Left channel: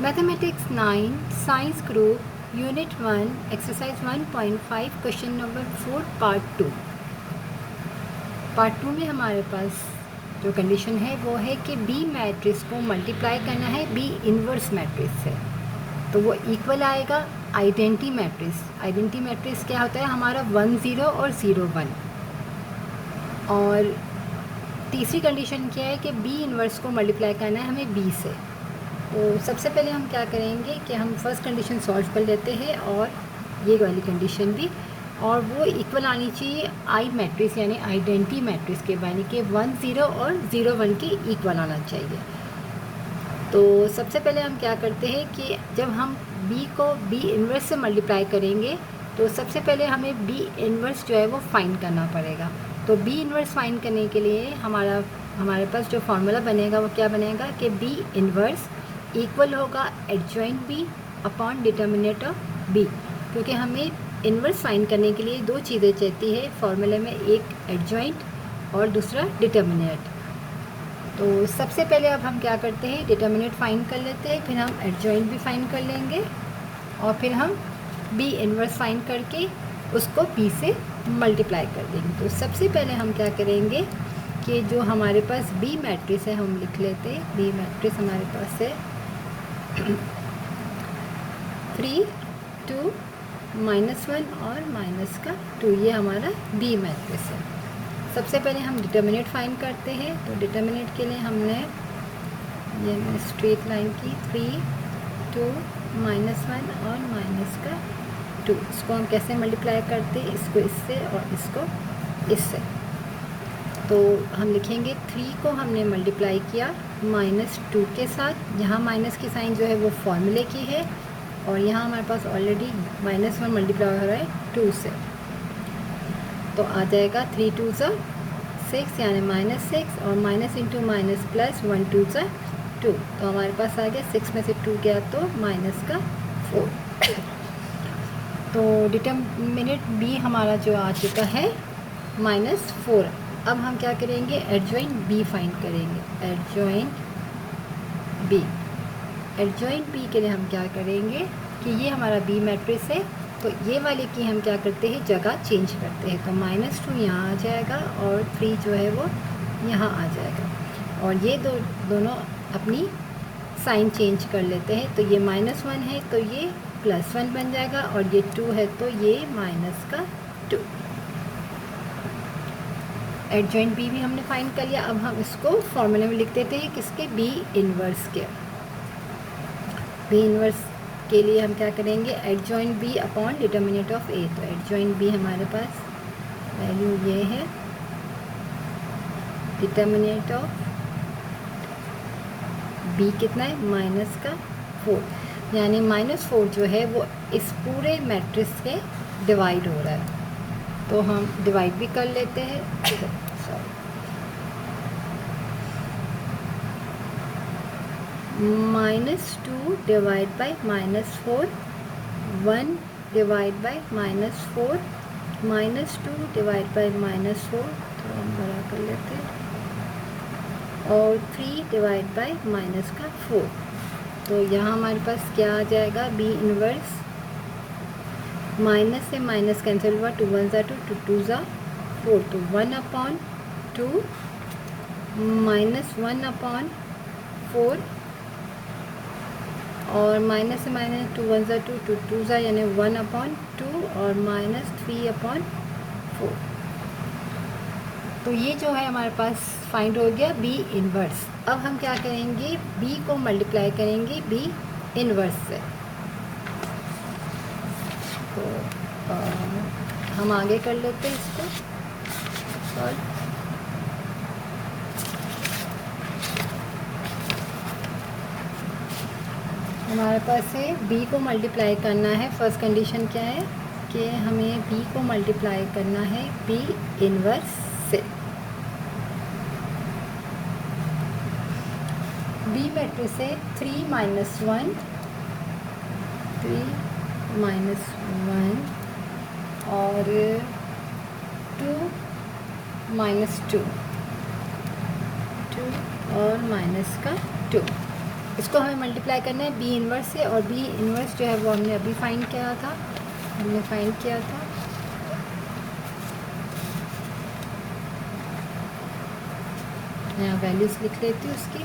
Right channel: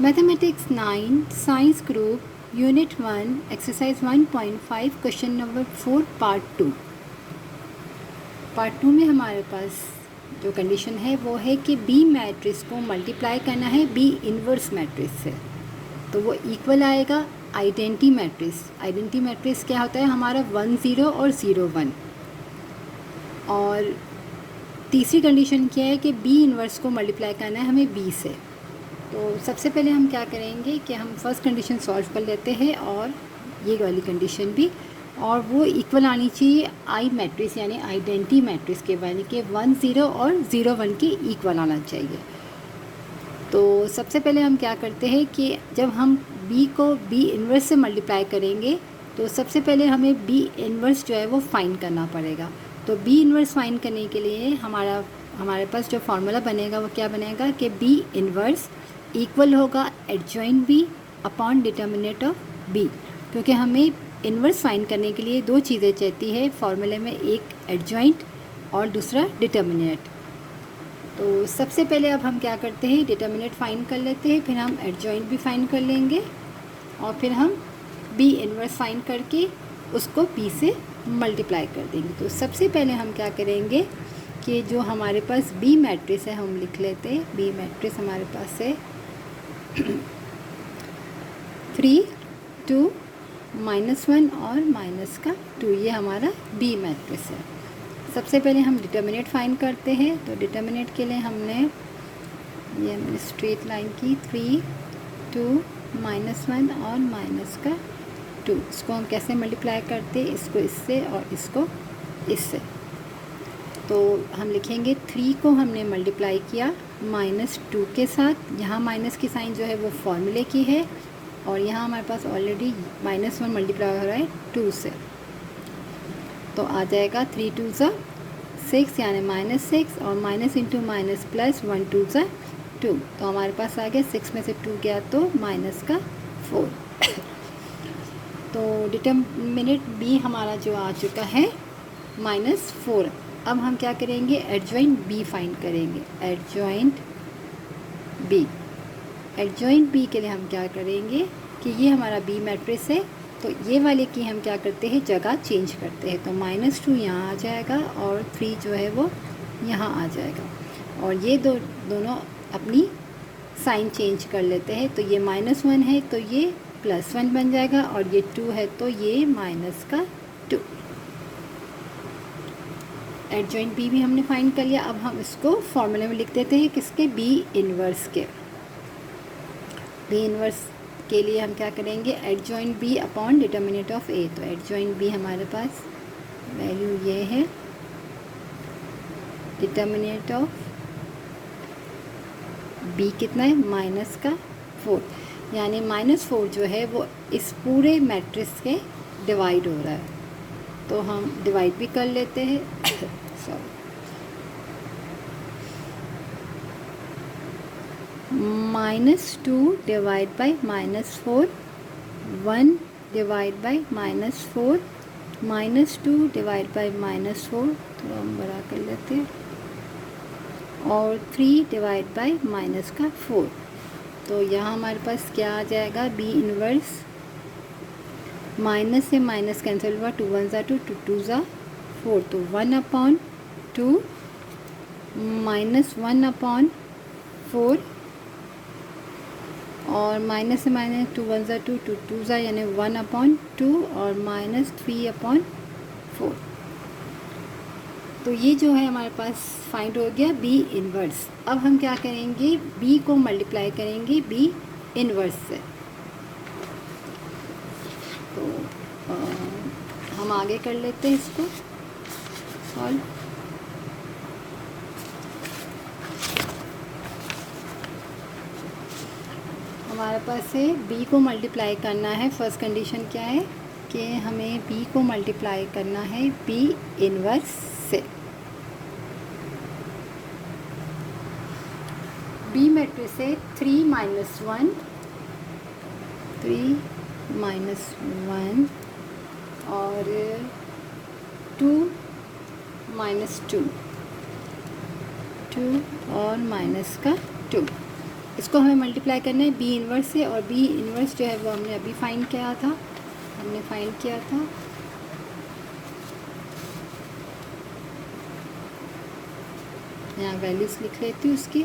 Mathematics 9 science group unit 1 exercise 1.5 question number 4 part two में हमारे पास जो कंडीशन है वो है कि बी मैट्रिक्स को मल्टीप्लाई करना है बी इन्वर्स मैट्रिक्स से, तो वो इक्वल आएगा आइडेंटिटी मैट्रिक्स। आइडेंटिटी मैट्रिक्स क्या होता है हमारा 1 0 और 0 1। और तीसरी कंडीशन क्या है कि बी इन्वर्स को मल्टीप्लाई करना है हमें बी से। तो सबसे पहले हम क्या करेंगे कि हम फर्स्ट कंडीशन सॉल्व कर लेते हैं और ये वाली कंडीशन भी, और वो इक्वल आनी चाहिए आई मैट्रिक्स यानी आइडेंटिटी मैट्रिक्स के, यानी कि 1 0 और 0 1 के इक्वल आना चाहिए। तो सबसे पहले हम क्या करते हैं कि जब हम b को b इन्वर्स से मल्टीप्लाई करेंगे तो सबसे पहले हमें b इन्वर्स जो है वो फाइंड करना पड़ेगा। तो b इन्वर्स फाइंड करने के लिए हमारे पास जो फार्मूला बनेगा वो क्या बनेगा कि b इन्वर्स इक्वल होगा adjoint b upon determinant of b, क्योंकि हमें इन्वर्स फाइंड करने के लिए दो चीज़ें चाहती है फार्मूले में, एक एडजॉइंट और दूसरा डिटर्मिनेंट। तो सबसे पहले अब हम क्या करते हैं डिटर्मिनेंट फाइंड कर लेते हैं, फिर हम एडजॉइंट भी फाइंड कर लेंगे और फिर हम b इन्वर्स फाइंड करके उसको b से मल्टीप्लाई कर देंगे। तो सबसे पहले हम क्या करेंगे कि जो हमारे पास b मैट्रिक्स है हम लिख लेते हैं। b मैट्रिक्स हमारे पास है 3 2 -1 और -2, ये हमारा b मैट्रिक्स है। सबसे पहले हम डिटर्मिनेंट फाइंड करते हैं। तो डिटर्मिनेंट के लिए हमने ये स्ट्रेट लाइन की 3 2 -1 और -2, इसको हम कैसे मल्टीप्लाई करते हैं, इसको इससे और इसको इससे। तो हम लिखेंगे 3 को हमने मल्टीप्लाई किया -2 के साथ, यहाँ माइनस की साइन जो है वो फॉर्मूले की है, और यहाँ हमारे पास ऑलरेडी -1 मल्टीप्लाई हो रहा है 2 से, तो आ जाएगा 3 2 6 यानी -6 और माइनस इंटू माइनस प्लस 1 2 2, तो हमारे पास आ गया 6 में से 2 गया तो -4। तो डिटर्मिनेंट b हमारा जो आ चुका है -4। अब हम क्या करेंगे एडजॉइंट b फाइंड करेंगे। एडजॉइंट b के लिए हम क्या करेंगे कि ये हमारा b मैट्रिक्स है, तो ये वाले की हम क्या करते हैं जगह चेंज करते हैं। तो -2 यहाँ आ जाएगा और 3 जो है वो यहाँ आ जाएगा, और ये दोनों अपनी साइन चेंज कर लेते हैं। तो ये -1 है तो ये +1 बन जाएगा, और ये 2 है तो ये -2। एडजॉइंट b भी हमने फाइंड कर लिया। अब हम इसको फॉर्मूले में लिख देते हैं किसके, b इन्वर्स के। b इन्वर्स के लिए हम क्या करेंगे adjoint b upon determinant of a। तो एडजॉइंट b हमारे पास वैल्यू ये है, डिटर्मिनेंट ऑफ b कितना है -4, यानी -4 जो है वो इस पूरे मैट्रिक्स के डिवाइड हो रहा है। तो हम डिवाइड भी कर लेते हैं -2 divide by -4, 1 divide by -4, -2 divide by -4, तो हम बड़ा कर लेते हैं, और 3 डिवाइड बाई -4। तो यहाँ हमारे पास क्या आ जाएगा b इन्वर्स, माइनस से माइनस कैंसिल हुआ, 2 1 2 2 2 4, तो 1/2 -1/4, और माइनस से माइनस 2 1 2 2 2 यानी 1/2 और -3/4। तो ये जो है हमारे पास फाइंड हो गया b इन्वर्स। अब हम क्या करेंगे b को मल्टीप्लाई करेंगे b इन्वर्स से। तो हम आगे कर लेते हैं इसको सॉल्व। हमारे पास से b को मल्टीप्लाई करना है। फर्स्ट कंडीशन क्या है कि हमें b को मल्टीप्लाई करना है b इन्वर्स से। b मैट्रिक्स है 3 -1 और 2 -2 और -2। इसको हमें मल्टीप्लाई करना है बी इन्वर्स से, और बी इन्वर्स जो है वो हमने अभी फाइंड किया था, यहाँ वैल्यूज़ लिख लेती हूँ उसकी।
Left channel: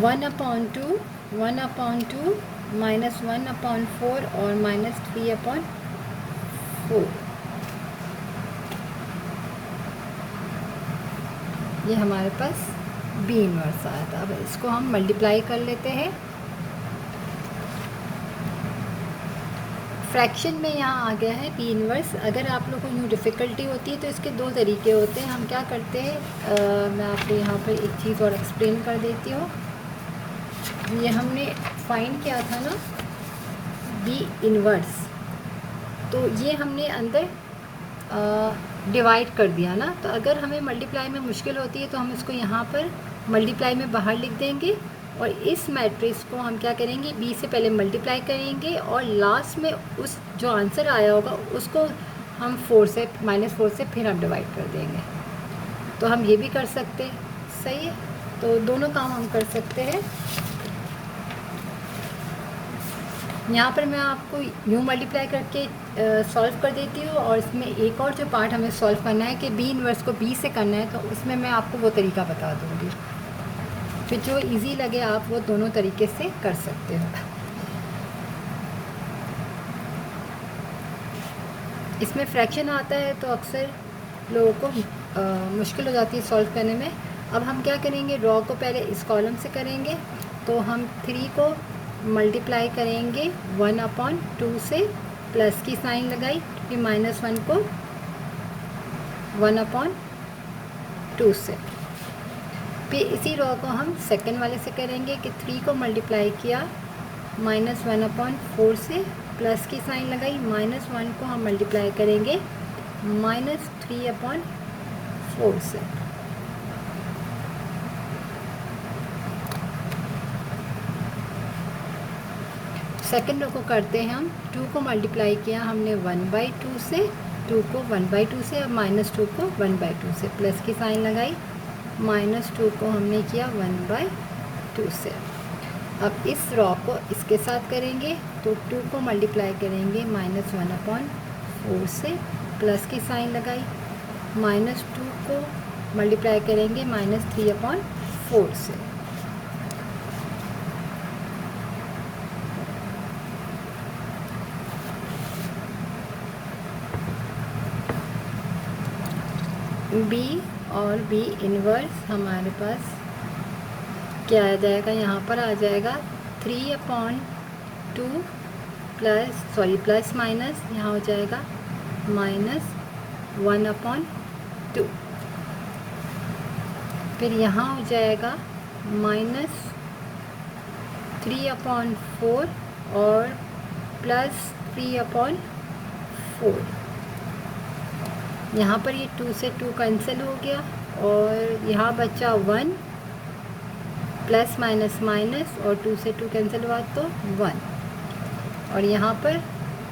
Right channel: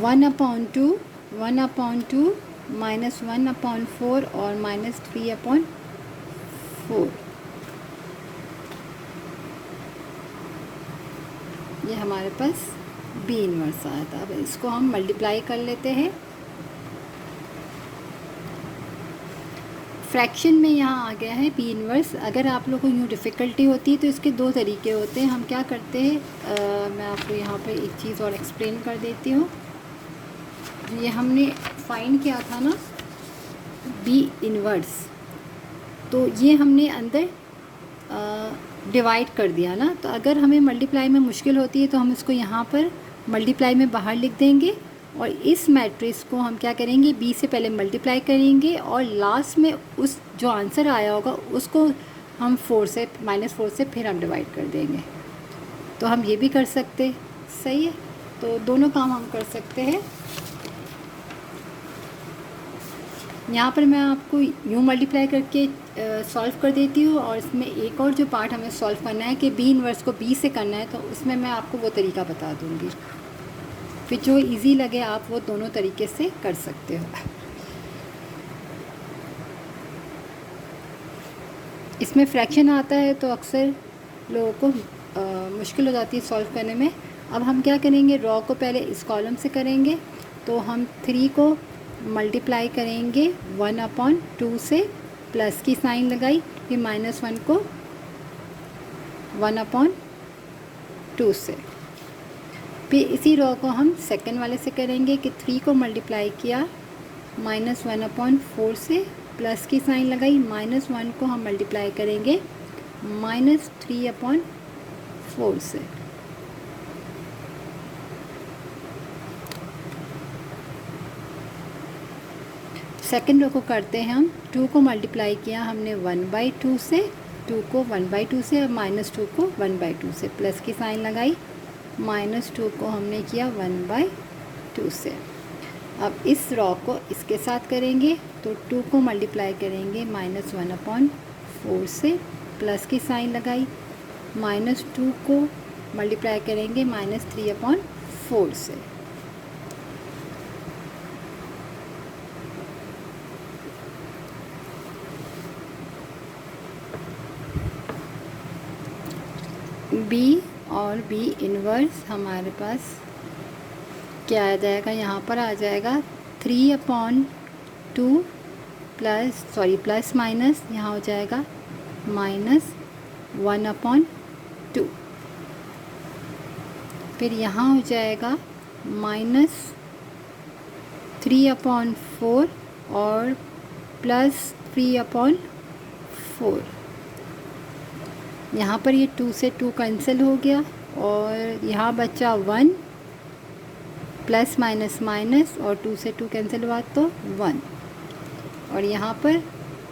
1/2 माइनस 1/4 और माइनस 3/4, ये हमारे पास बी इन्वर्स आया था। अब इसको हम मल्टीप्लाई कर लेते हैं। फ्रैक्शन में यहाँ आ गया है बी इन्वर्स। अगर आप लोगों को यूँ डिफ़िकल्टी होती है तो इसके दो तरीके होते हैं। हम क्या करते हैं, मैं आपको यहाँ पर एक चीज़ और एक्सप्लेन कर देती हूँ। ये हमने फाइंड किया था ना बी इन्वर्स, तो ये हमने अंदर डिवाइड कर दिया ना। तो अगर हमें मल्टीप्लाई में मुश्किल होती है तो हम इसको यहाँ पर मल्टीप्लाई में बाहर लिख देंगे, और इस मैट्रिक्स को हम क्या करेंगे, बी से पहले मल्टीप्लाई करेंगे और लास्ट में उस जो आंसर आया होगा उसको हम -4 से फिर हम डिवाइड कर देंगे। तो हम ये भी कर सकते, सही है। तो दोनों काम हम कर सकते हैं। यहाँ पर मैं आपको यूँ मल्टीप्लाई करके सॉल्व कर देती हूँ, और इसमें एक और जो पार्ट हमें सॉल्व करना है कि बी इन्वर्स को बी से करना है, तो उसमें मैं आपको वो तरीका बता दूँगी। फिर जो इजी लगे आप वो दोनों तरीके से कर सकते हो। इसमें फ्रैक्शन आता है तो अक्सर लोगों को मुश्किल हो जाती है सॉल्व करने में। अब हम क्या करेंगे, रॉ को पहले इस कॉलम से करेंगे, तो हम 3 को मल्टीप्लाई करेंगे 1/2 से, प्लस की साइन लगाई, फिर -1 को 1/2 से। फिर इसी रॉ को हम सेकंड वाले से करेंगे कि 3 को मल्टीप्लाई किया -1/4 से, प्लस की साइन लगाई, -1 को हम मल्टीप्लाई करेंगे -3/4 से। सेकंड रो को करते हैं हम, 2 को मल्टीप्लाई किया हमने 1/2 से, 2 को 1/2 से, अब -2 को 1/2 से, प्लस की साइन लगाई, -2 को हमने किया 1/2 से। अब इस रॉ को इसके साथ करेंगे, तो 2 को मल्टीप्लाई करेंगे -1/4 से, प्लस की साइन लगाई, -2 को मल्टीप्लाई करेंगे -3/4 से। बी और बी इन्वर्स हमारे पास क्या आ जाएगा, यहाँ पर आ जाएगा 3/2 प्लस माइनस यहाँ हो जाएगा -1/2, फिर यहाँ हो जाएगा -3/4 और +3/4। यहाँ पर ये 2 से 2 कैंसिल हो गया, और यहाँ बचा 1 प्लस माइनस माइनस, और 2 से 2 कैंसिल हुआ तो 1, और यहाँ पर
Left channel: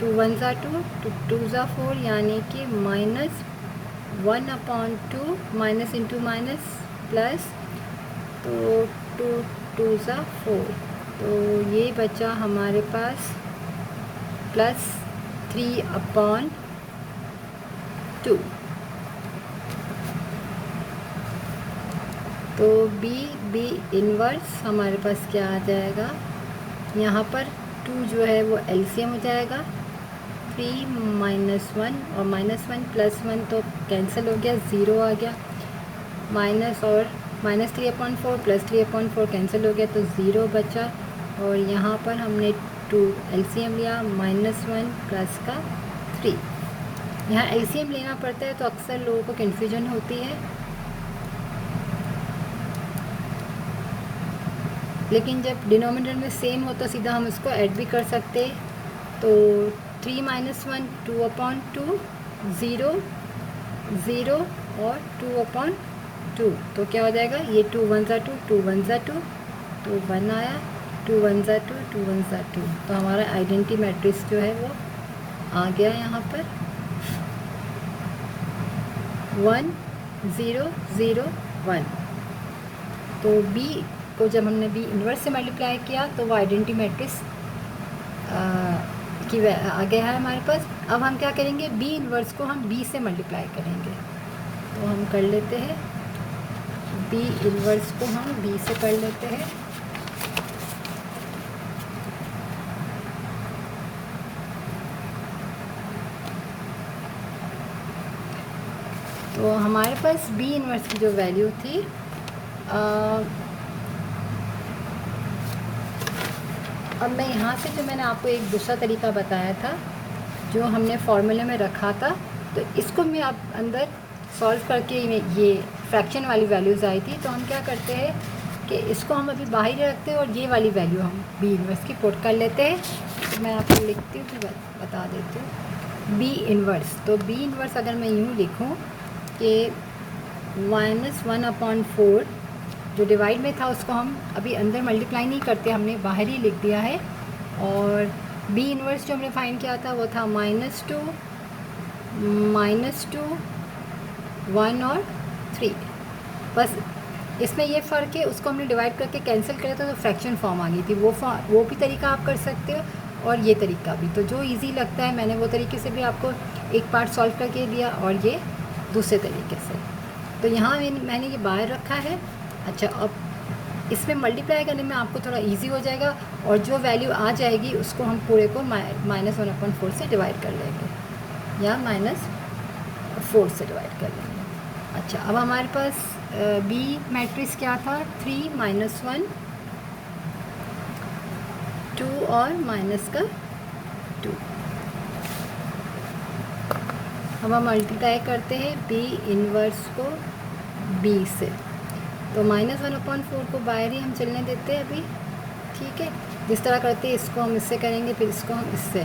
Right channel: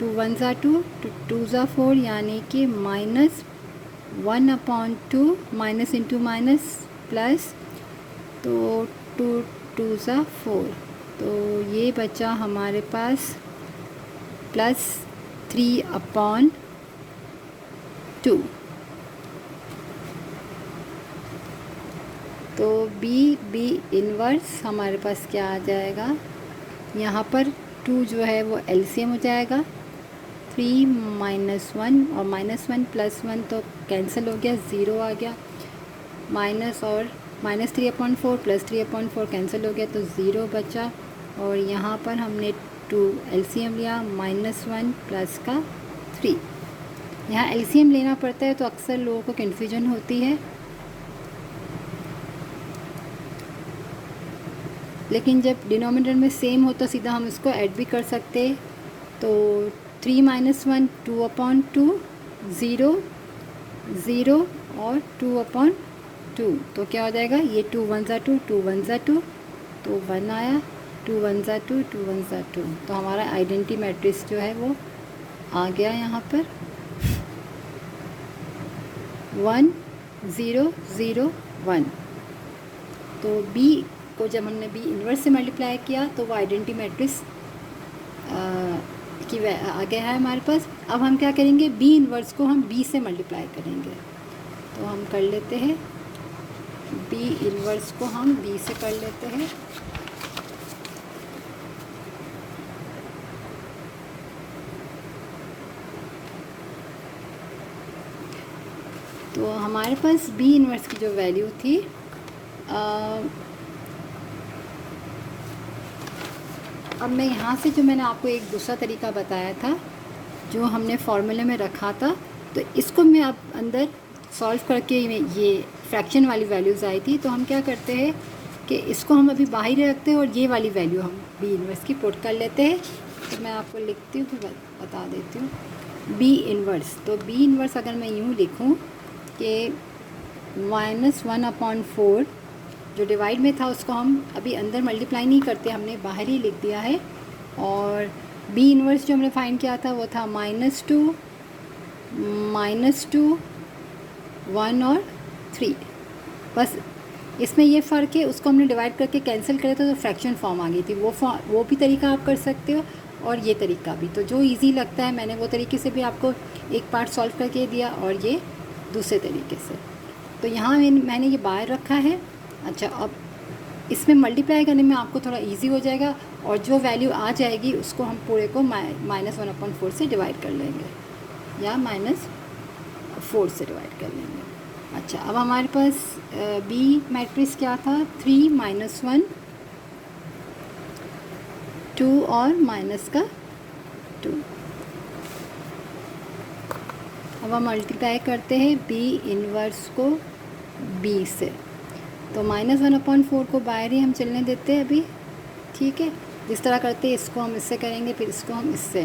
2 1 ज़ा 2, 2 ज़ा 4, यानी कि -1/2 माइनस इंटू माइनस प्लस, तो 2 2 ज़ा 4, तो ये बचा हमारे पास +3/2। तो बी इन्वर्स हमारे पास क्या आ जाएगा, यहाँ पर 2 जो है वो एलसीएम हो जाएगा, 3 -1 और -1 +1 तो कैंसिल हो गया, 0 आ गया, माइनस और -3/4 +3/4 कैंसिल हो गया, तो 0 बचा, और यहाँ पर हमने 2 एलसीएम लिया, -1 प्लस का 3। यहाँ एलसीएम लेना पड़ता है तो अक्सर लोगों को कन्फ्यूजन होती है, लेकिन जब डिनोमिनेटर में सेम हो तो सीधा हम इसको ऐड भी कर सकते हैं। तो 3 - 1 2/2, 0 0 और 2/2, तो क्या हो जाएगा, ये 2 1 ज़ा 2, 2 1 ज़ा 2, तो 1 आया, 2 1 ज़ा 2, 2 1 ज़ा 2, तो हमारा आइडेंटिटी मैट्रिक्स जो है वो आ गया यहाँ पर 1 0 0 1। तो बी को जब हमने बी इन्वर्स से मल्टीप्लाई किया तो वो आइडेंटिटी मैट्रिक्स की आ गया है हमारे पास। अब हम क्या करेंगे, बी इन्वर्स को हम बी से मल्टीप्लाई करेंगे। तो हम कर लेते हैं, बी इन्वर्स को हम बी से कर लेते हैं। तो हमारे पास बी इन्वर्स की जो वैल्यू थी अब मैं यहाँ से जो मैंने आपको एक दूसरा तरीका बताया था जो हमने फॉर्मूले में रखा था, तो इसको मैं आप अंदर सॉल्व करके ये फ्रैक्शन वाली वैल्यूज़ आई थी। तो हम क्या करते हैं कि इसको हम अभी बाहर रखते हैं और ये वाली वैल्यू हम बी इन्वर्स की पुट कर लेते हैं। तो मैं आपको लिखती हूँ फिर बता देती हूँ बी इन्वर्स। तो बी इन्वर्स अगर मैं यूँ लिखूँ कि -1/4 जो डिवाइड में था उसको हम अभी अंदर मल्टीप्लाई नहीं करते, हमने बाहर ही लिख दिया है। और बी इन्वर्स जो हमने फाइंड किया था वो था -2, -2, 1 और 3। बस इसमें ये फ़र्क है, उसको हमने डिवाइड करके कैंसिल किया था तो फ्रैक्शन फॉर्म आ गई थी। वो भी तरीका आप कर सकते हो और ये तरीका भी। तो जो इजी लगता है मैंने वो तरीके से भी आपको एक पार्ट सॉल्व करके दिया और ये दूसरे तरीके से। तो यहाँ मैंने ये बाहर रखा है। अच्छा, अब इसमें मल्टीप्लाई करने में आपको थोड़ा इजी हो जाएगा और जो वैल्यू आ जाएगी उसको हम पूरे को -1/4 से डिवाइड कर लेंगे या -4 से डिवाइड कर लेंगे। अच्छा, अब हमारे पास बी मैट्रिक्स क्या था, 3 -1 2 और -2। अब हम मल्टीप्लाई करते हैं बी इन्वर्स को बी से। तो -1/4 को बाहर ही हम चलने देते हैं अभी, ठीक है। जिस तरह करते हैं इसको हम इससे करेंगे, फिर इसको हम इससे।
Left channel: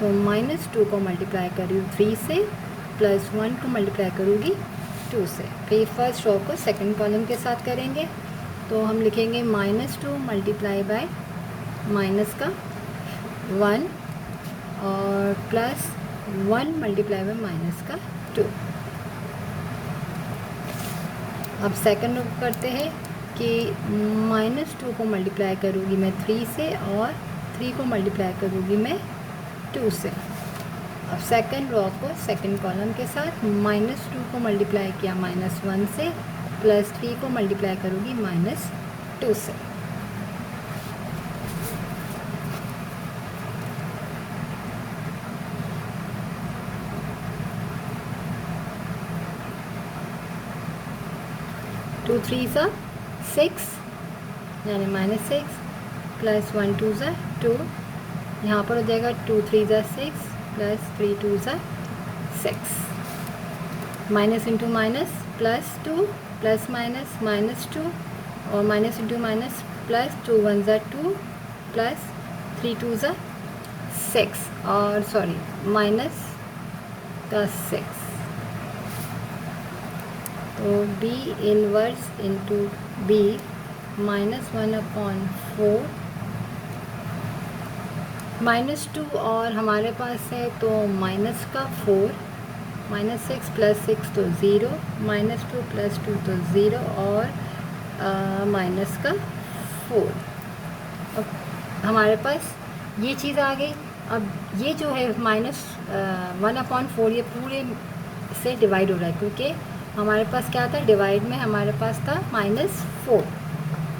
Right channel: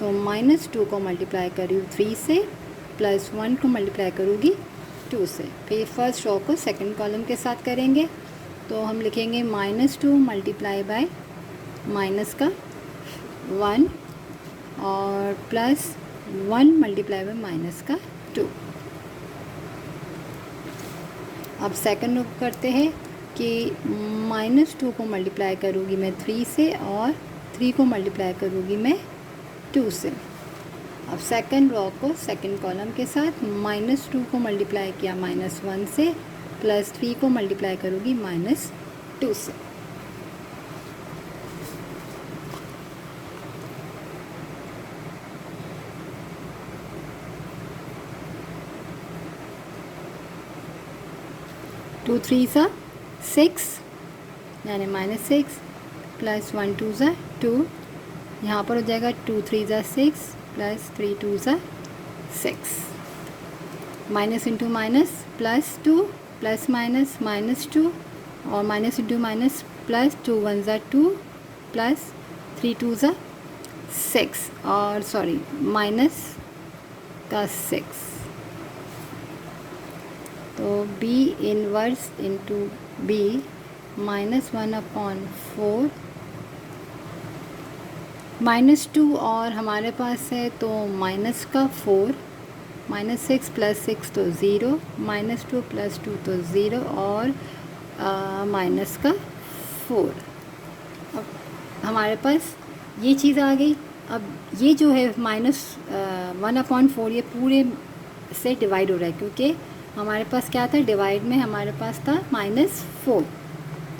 तो -2 को मल्टीप्लाई करूँ 3 से, +1 को मल्टीप्लाई करूँगी 2 से। फिर फर्स्ट रो को सेकंड कॉलम के साथ करेंगे। तो हम लिखेंगे -2 मल्टीप्लाई बाय -1 और +1 मल्टीप्लाई बाय -2। अब सेकंड रो करते हैं कि -2 को मल्टीप्लाई करूँगी मैं 3 से और 3 को मल्टीप्लाई करूँगी मैं 2 से। अब सेकंड रो को सेकंड कॉलम के साथ -2 को मल्टीप्लाई किया -1 से, +3 को मल्टीप्लाई करूँगी -2 से। टू 3 ज़ा 6 यानी -6 +1 2 ज़ा 2। यहाँ पर हो जाएगा 2 3 ज़ा 6 +3 2 ज़ा 6। Minus into minus +2 plus minus -2 और माइनस इंटू माइनस +2 1 ज़ा 2 +3 2 ज़ा 6 और सॉरी माइनस का 6। तो बी इन्वर्स इंटू बी -1/4 -2 और हमारे पास है तो माइनस का 4, -6 + 6 तो 0, -2 + 2 तो 0 और माइनस का 4। हमारे पास ये चीज़ आ गई। अब ये जो है -1/4 ये पूरे से डिवाइड हो रहा है क्योंकि हमारे पास क्या था, डिवाइड में हमारे पास था -4। तो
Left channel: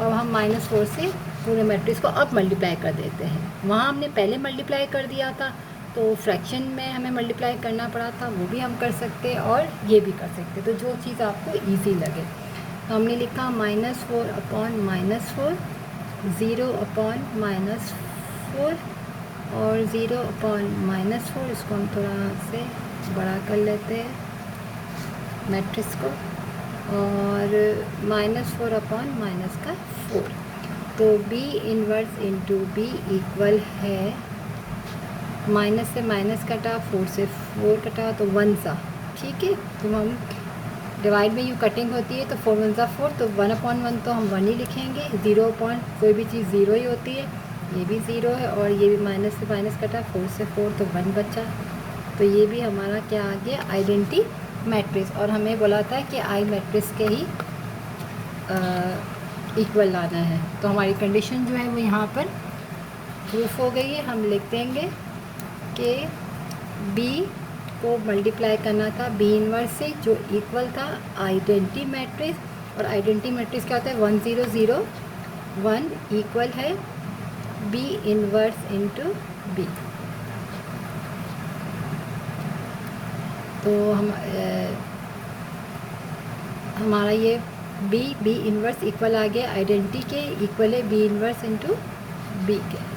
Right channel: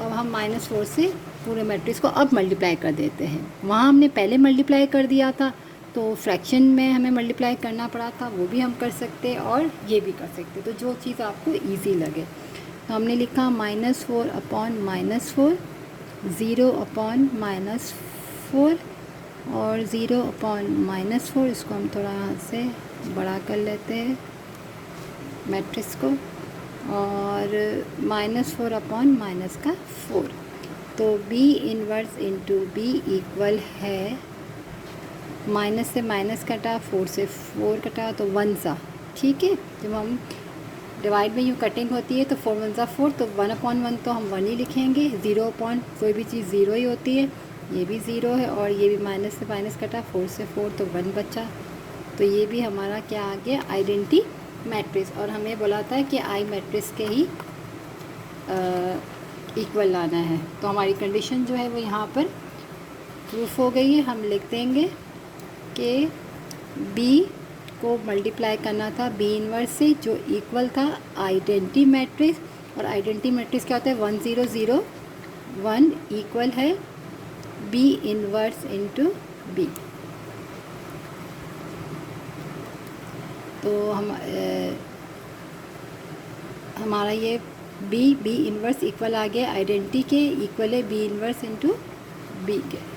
अब हम -4 से पूरे मैट्रिक्स को अब मल्टीप्लाई कर देते हैं। वहाँ हमने पहले मल्टीप्लाई कर दिया था तो फ्रैक्शन में हमें मल्टीप्लाई करना पड़ा था, वो भी हम कर सकते और ये भी कर सकते। तो जो चीज़ आपको इजी लगे। तो हमने लिखा -4/-4, 0/-4 और 0/-4। इसको हम थोड़ा से बड़ा कर लेते हैं मैट्रिक्स को और -4/-4। तो B inverse into B equal है माइनस से माइनस कटा, 4 से 4 कटा तो 1 सा, ठीक है। जब हम डिवाइड में यूँ कटिंग होती है तो 4 1 सा 4, तो 1/1 तो हम 1 ही लिखेंगे। 0 कोई भी चीज़ 0 ही होती है, ये भी 0 है और ये भी माइनस से माइनस कटा, 4 से 4 तो 1 बचा। तो ये भी हमारा क्या आ गया, आइडेंटिटी मैट्रिक्स। और हमें बोला था कि आई मैट्रिक्स के ही इक्वल लाना है। तो हमारी कंडीशन जो है वो यहाँ पर प्रूफ हो गई है। हम लिख देंगे कि बी को मल्टीप्लाई करना था बी इनवर्स से जो इक्वल था आइडेंटिटी मैट्रिक्स, और आइडेंटिटी मैट्रिक्स क्या होता है 1 0 0 1 इक्वल है बी इनवर्स इंटू बी। तो हमारा ये बी इनवर्स इक्वल आ गया आइडेंटिटी के, इक्वल है बी इनवर्स इंटू बी के।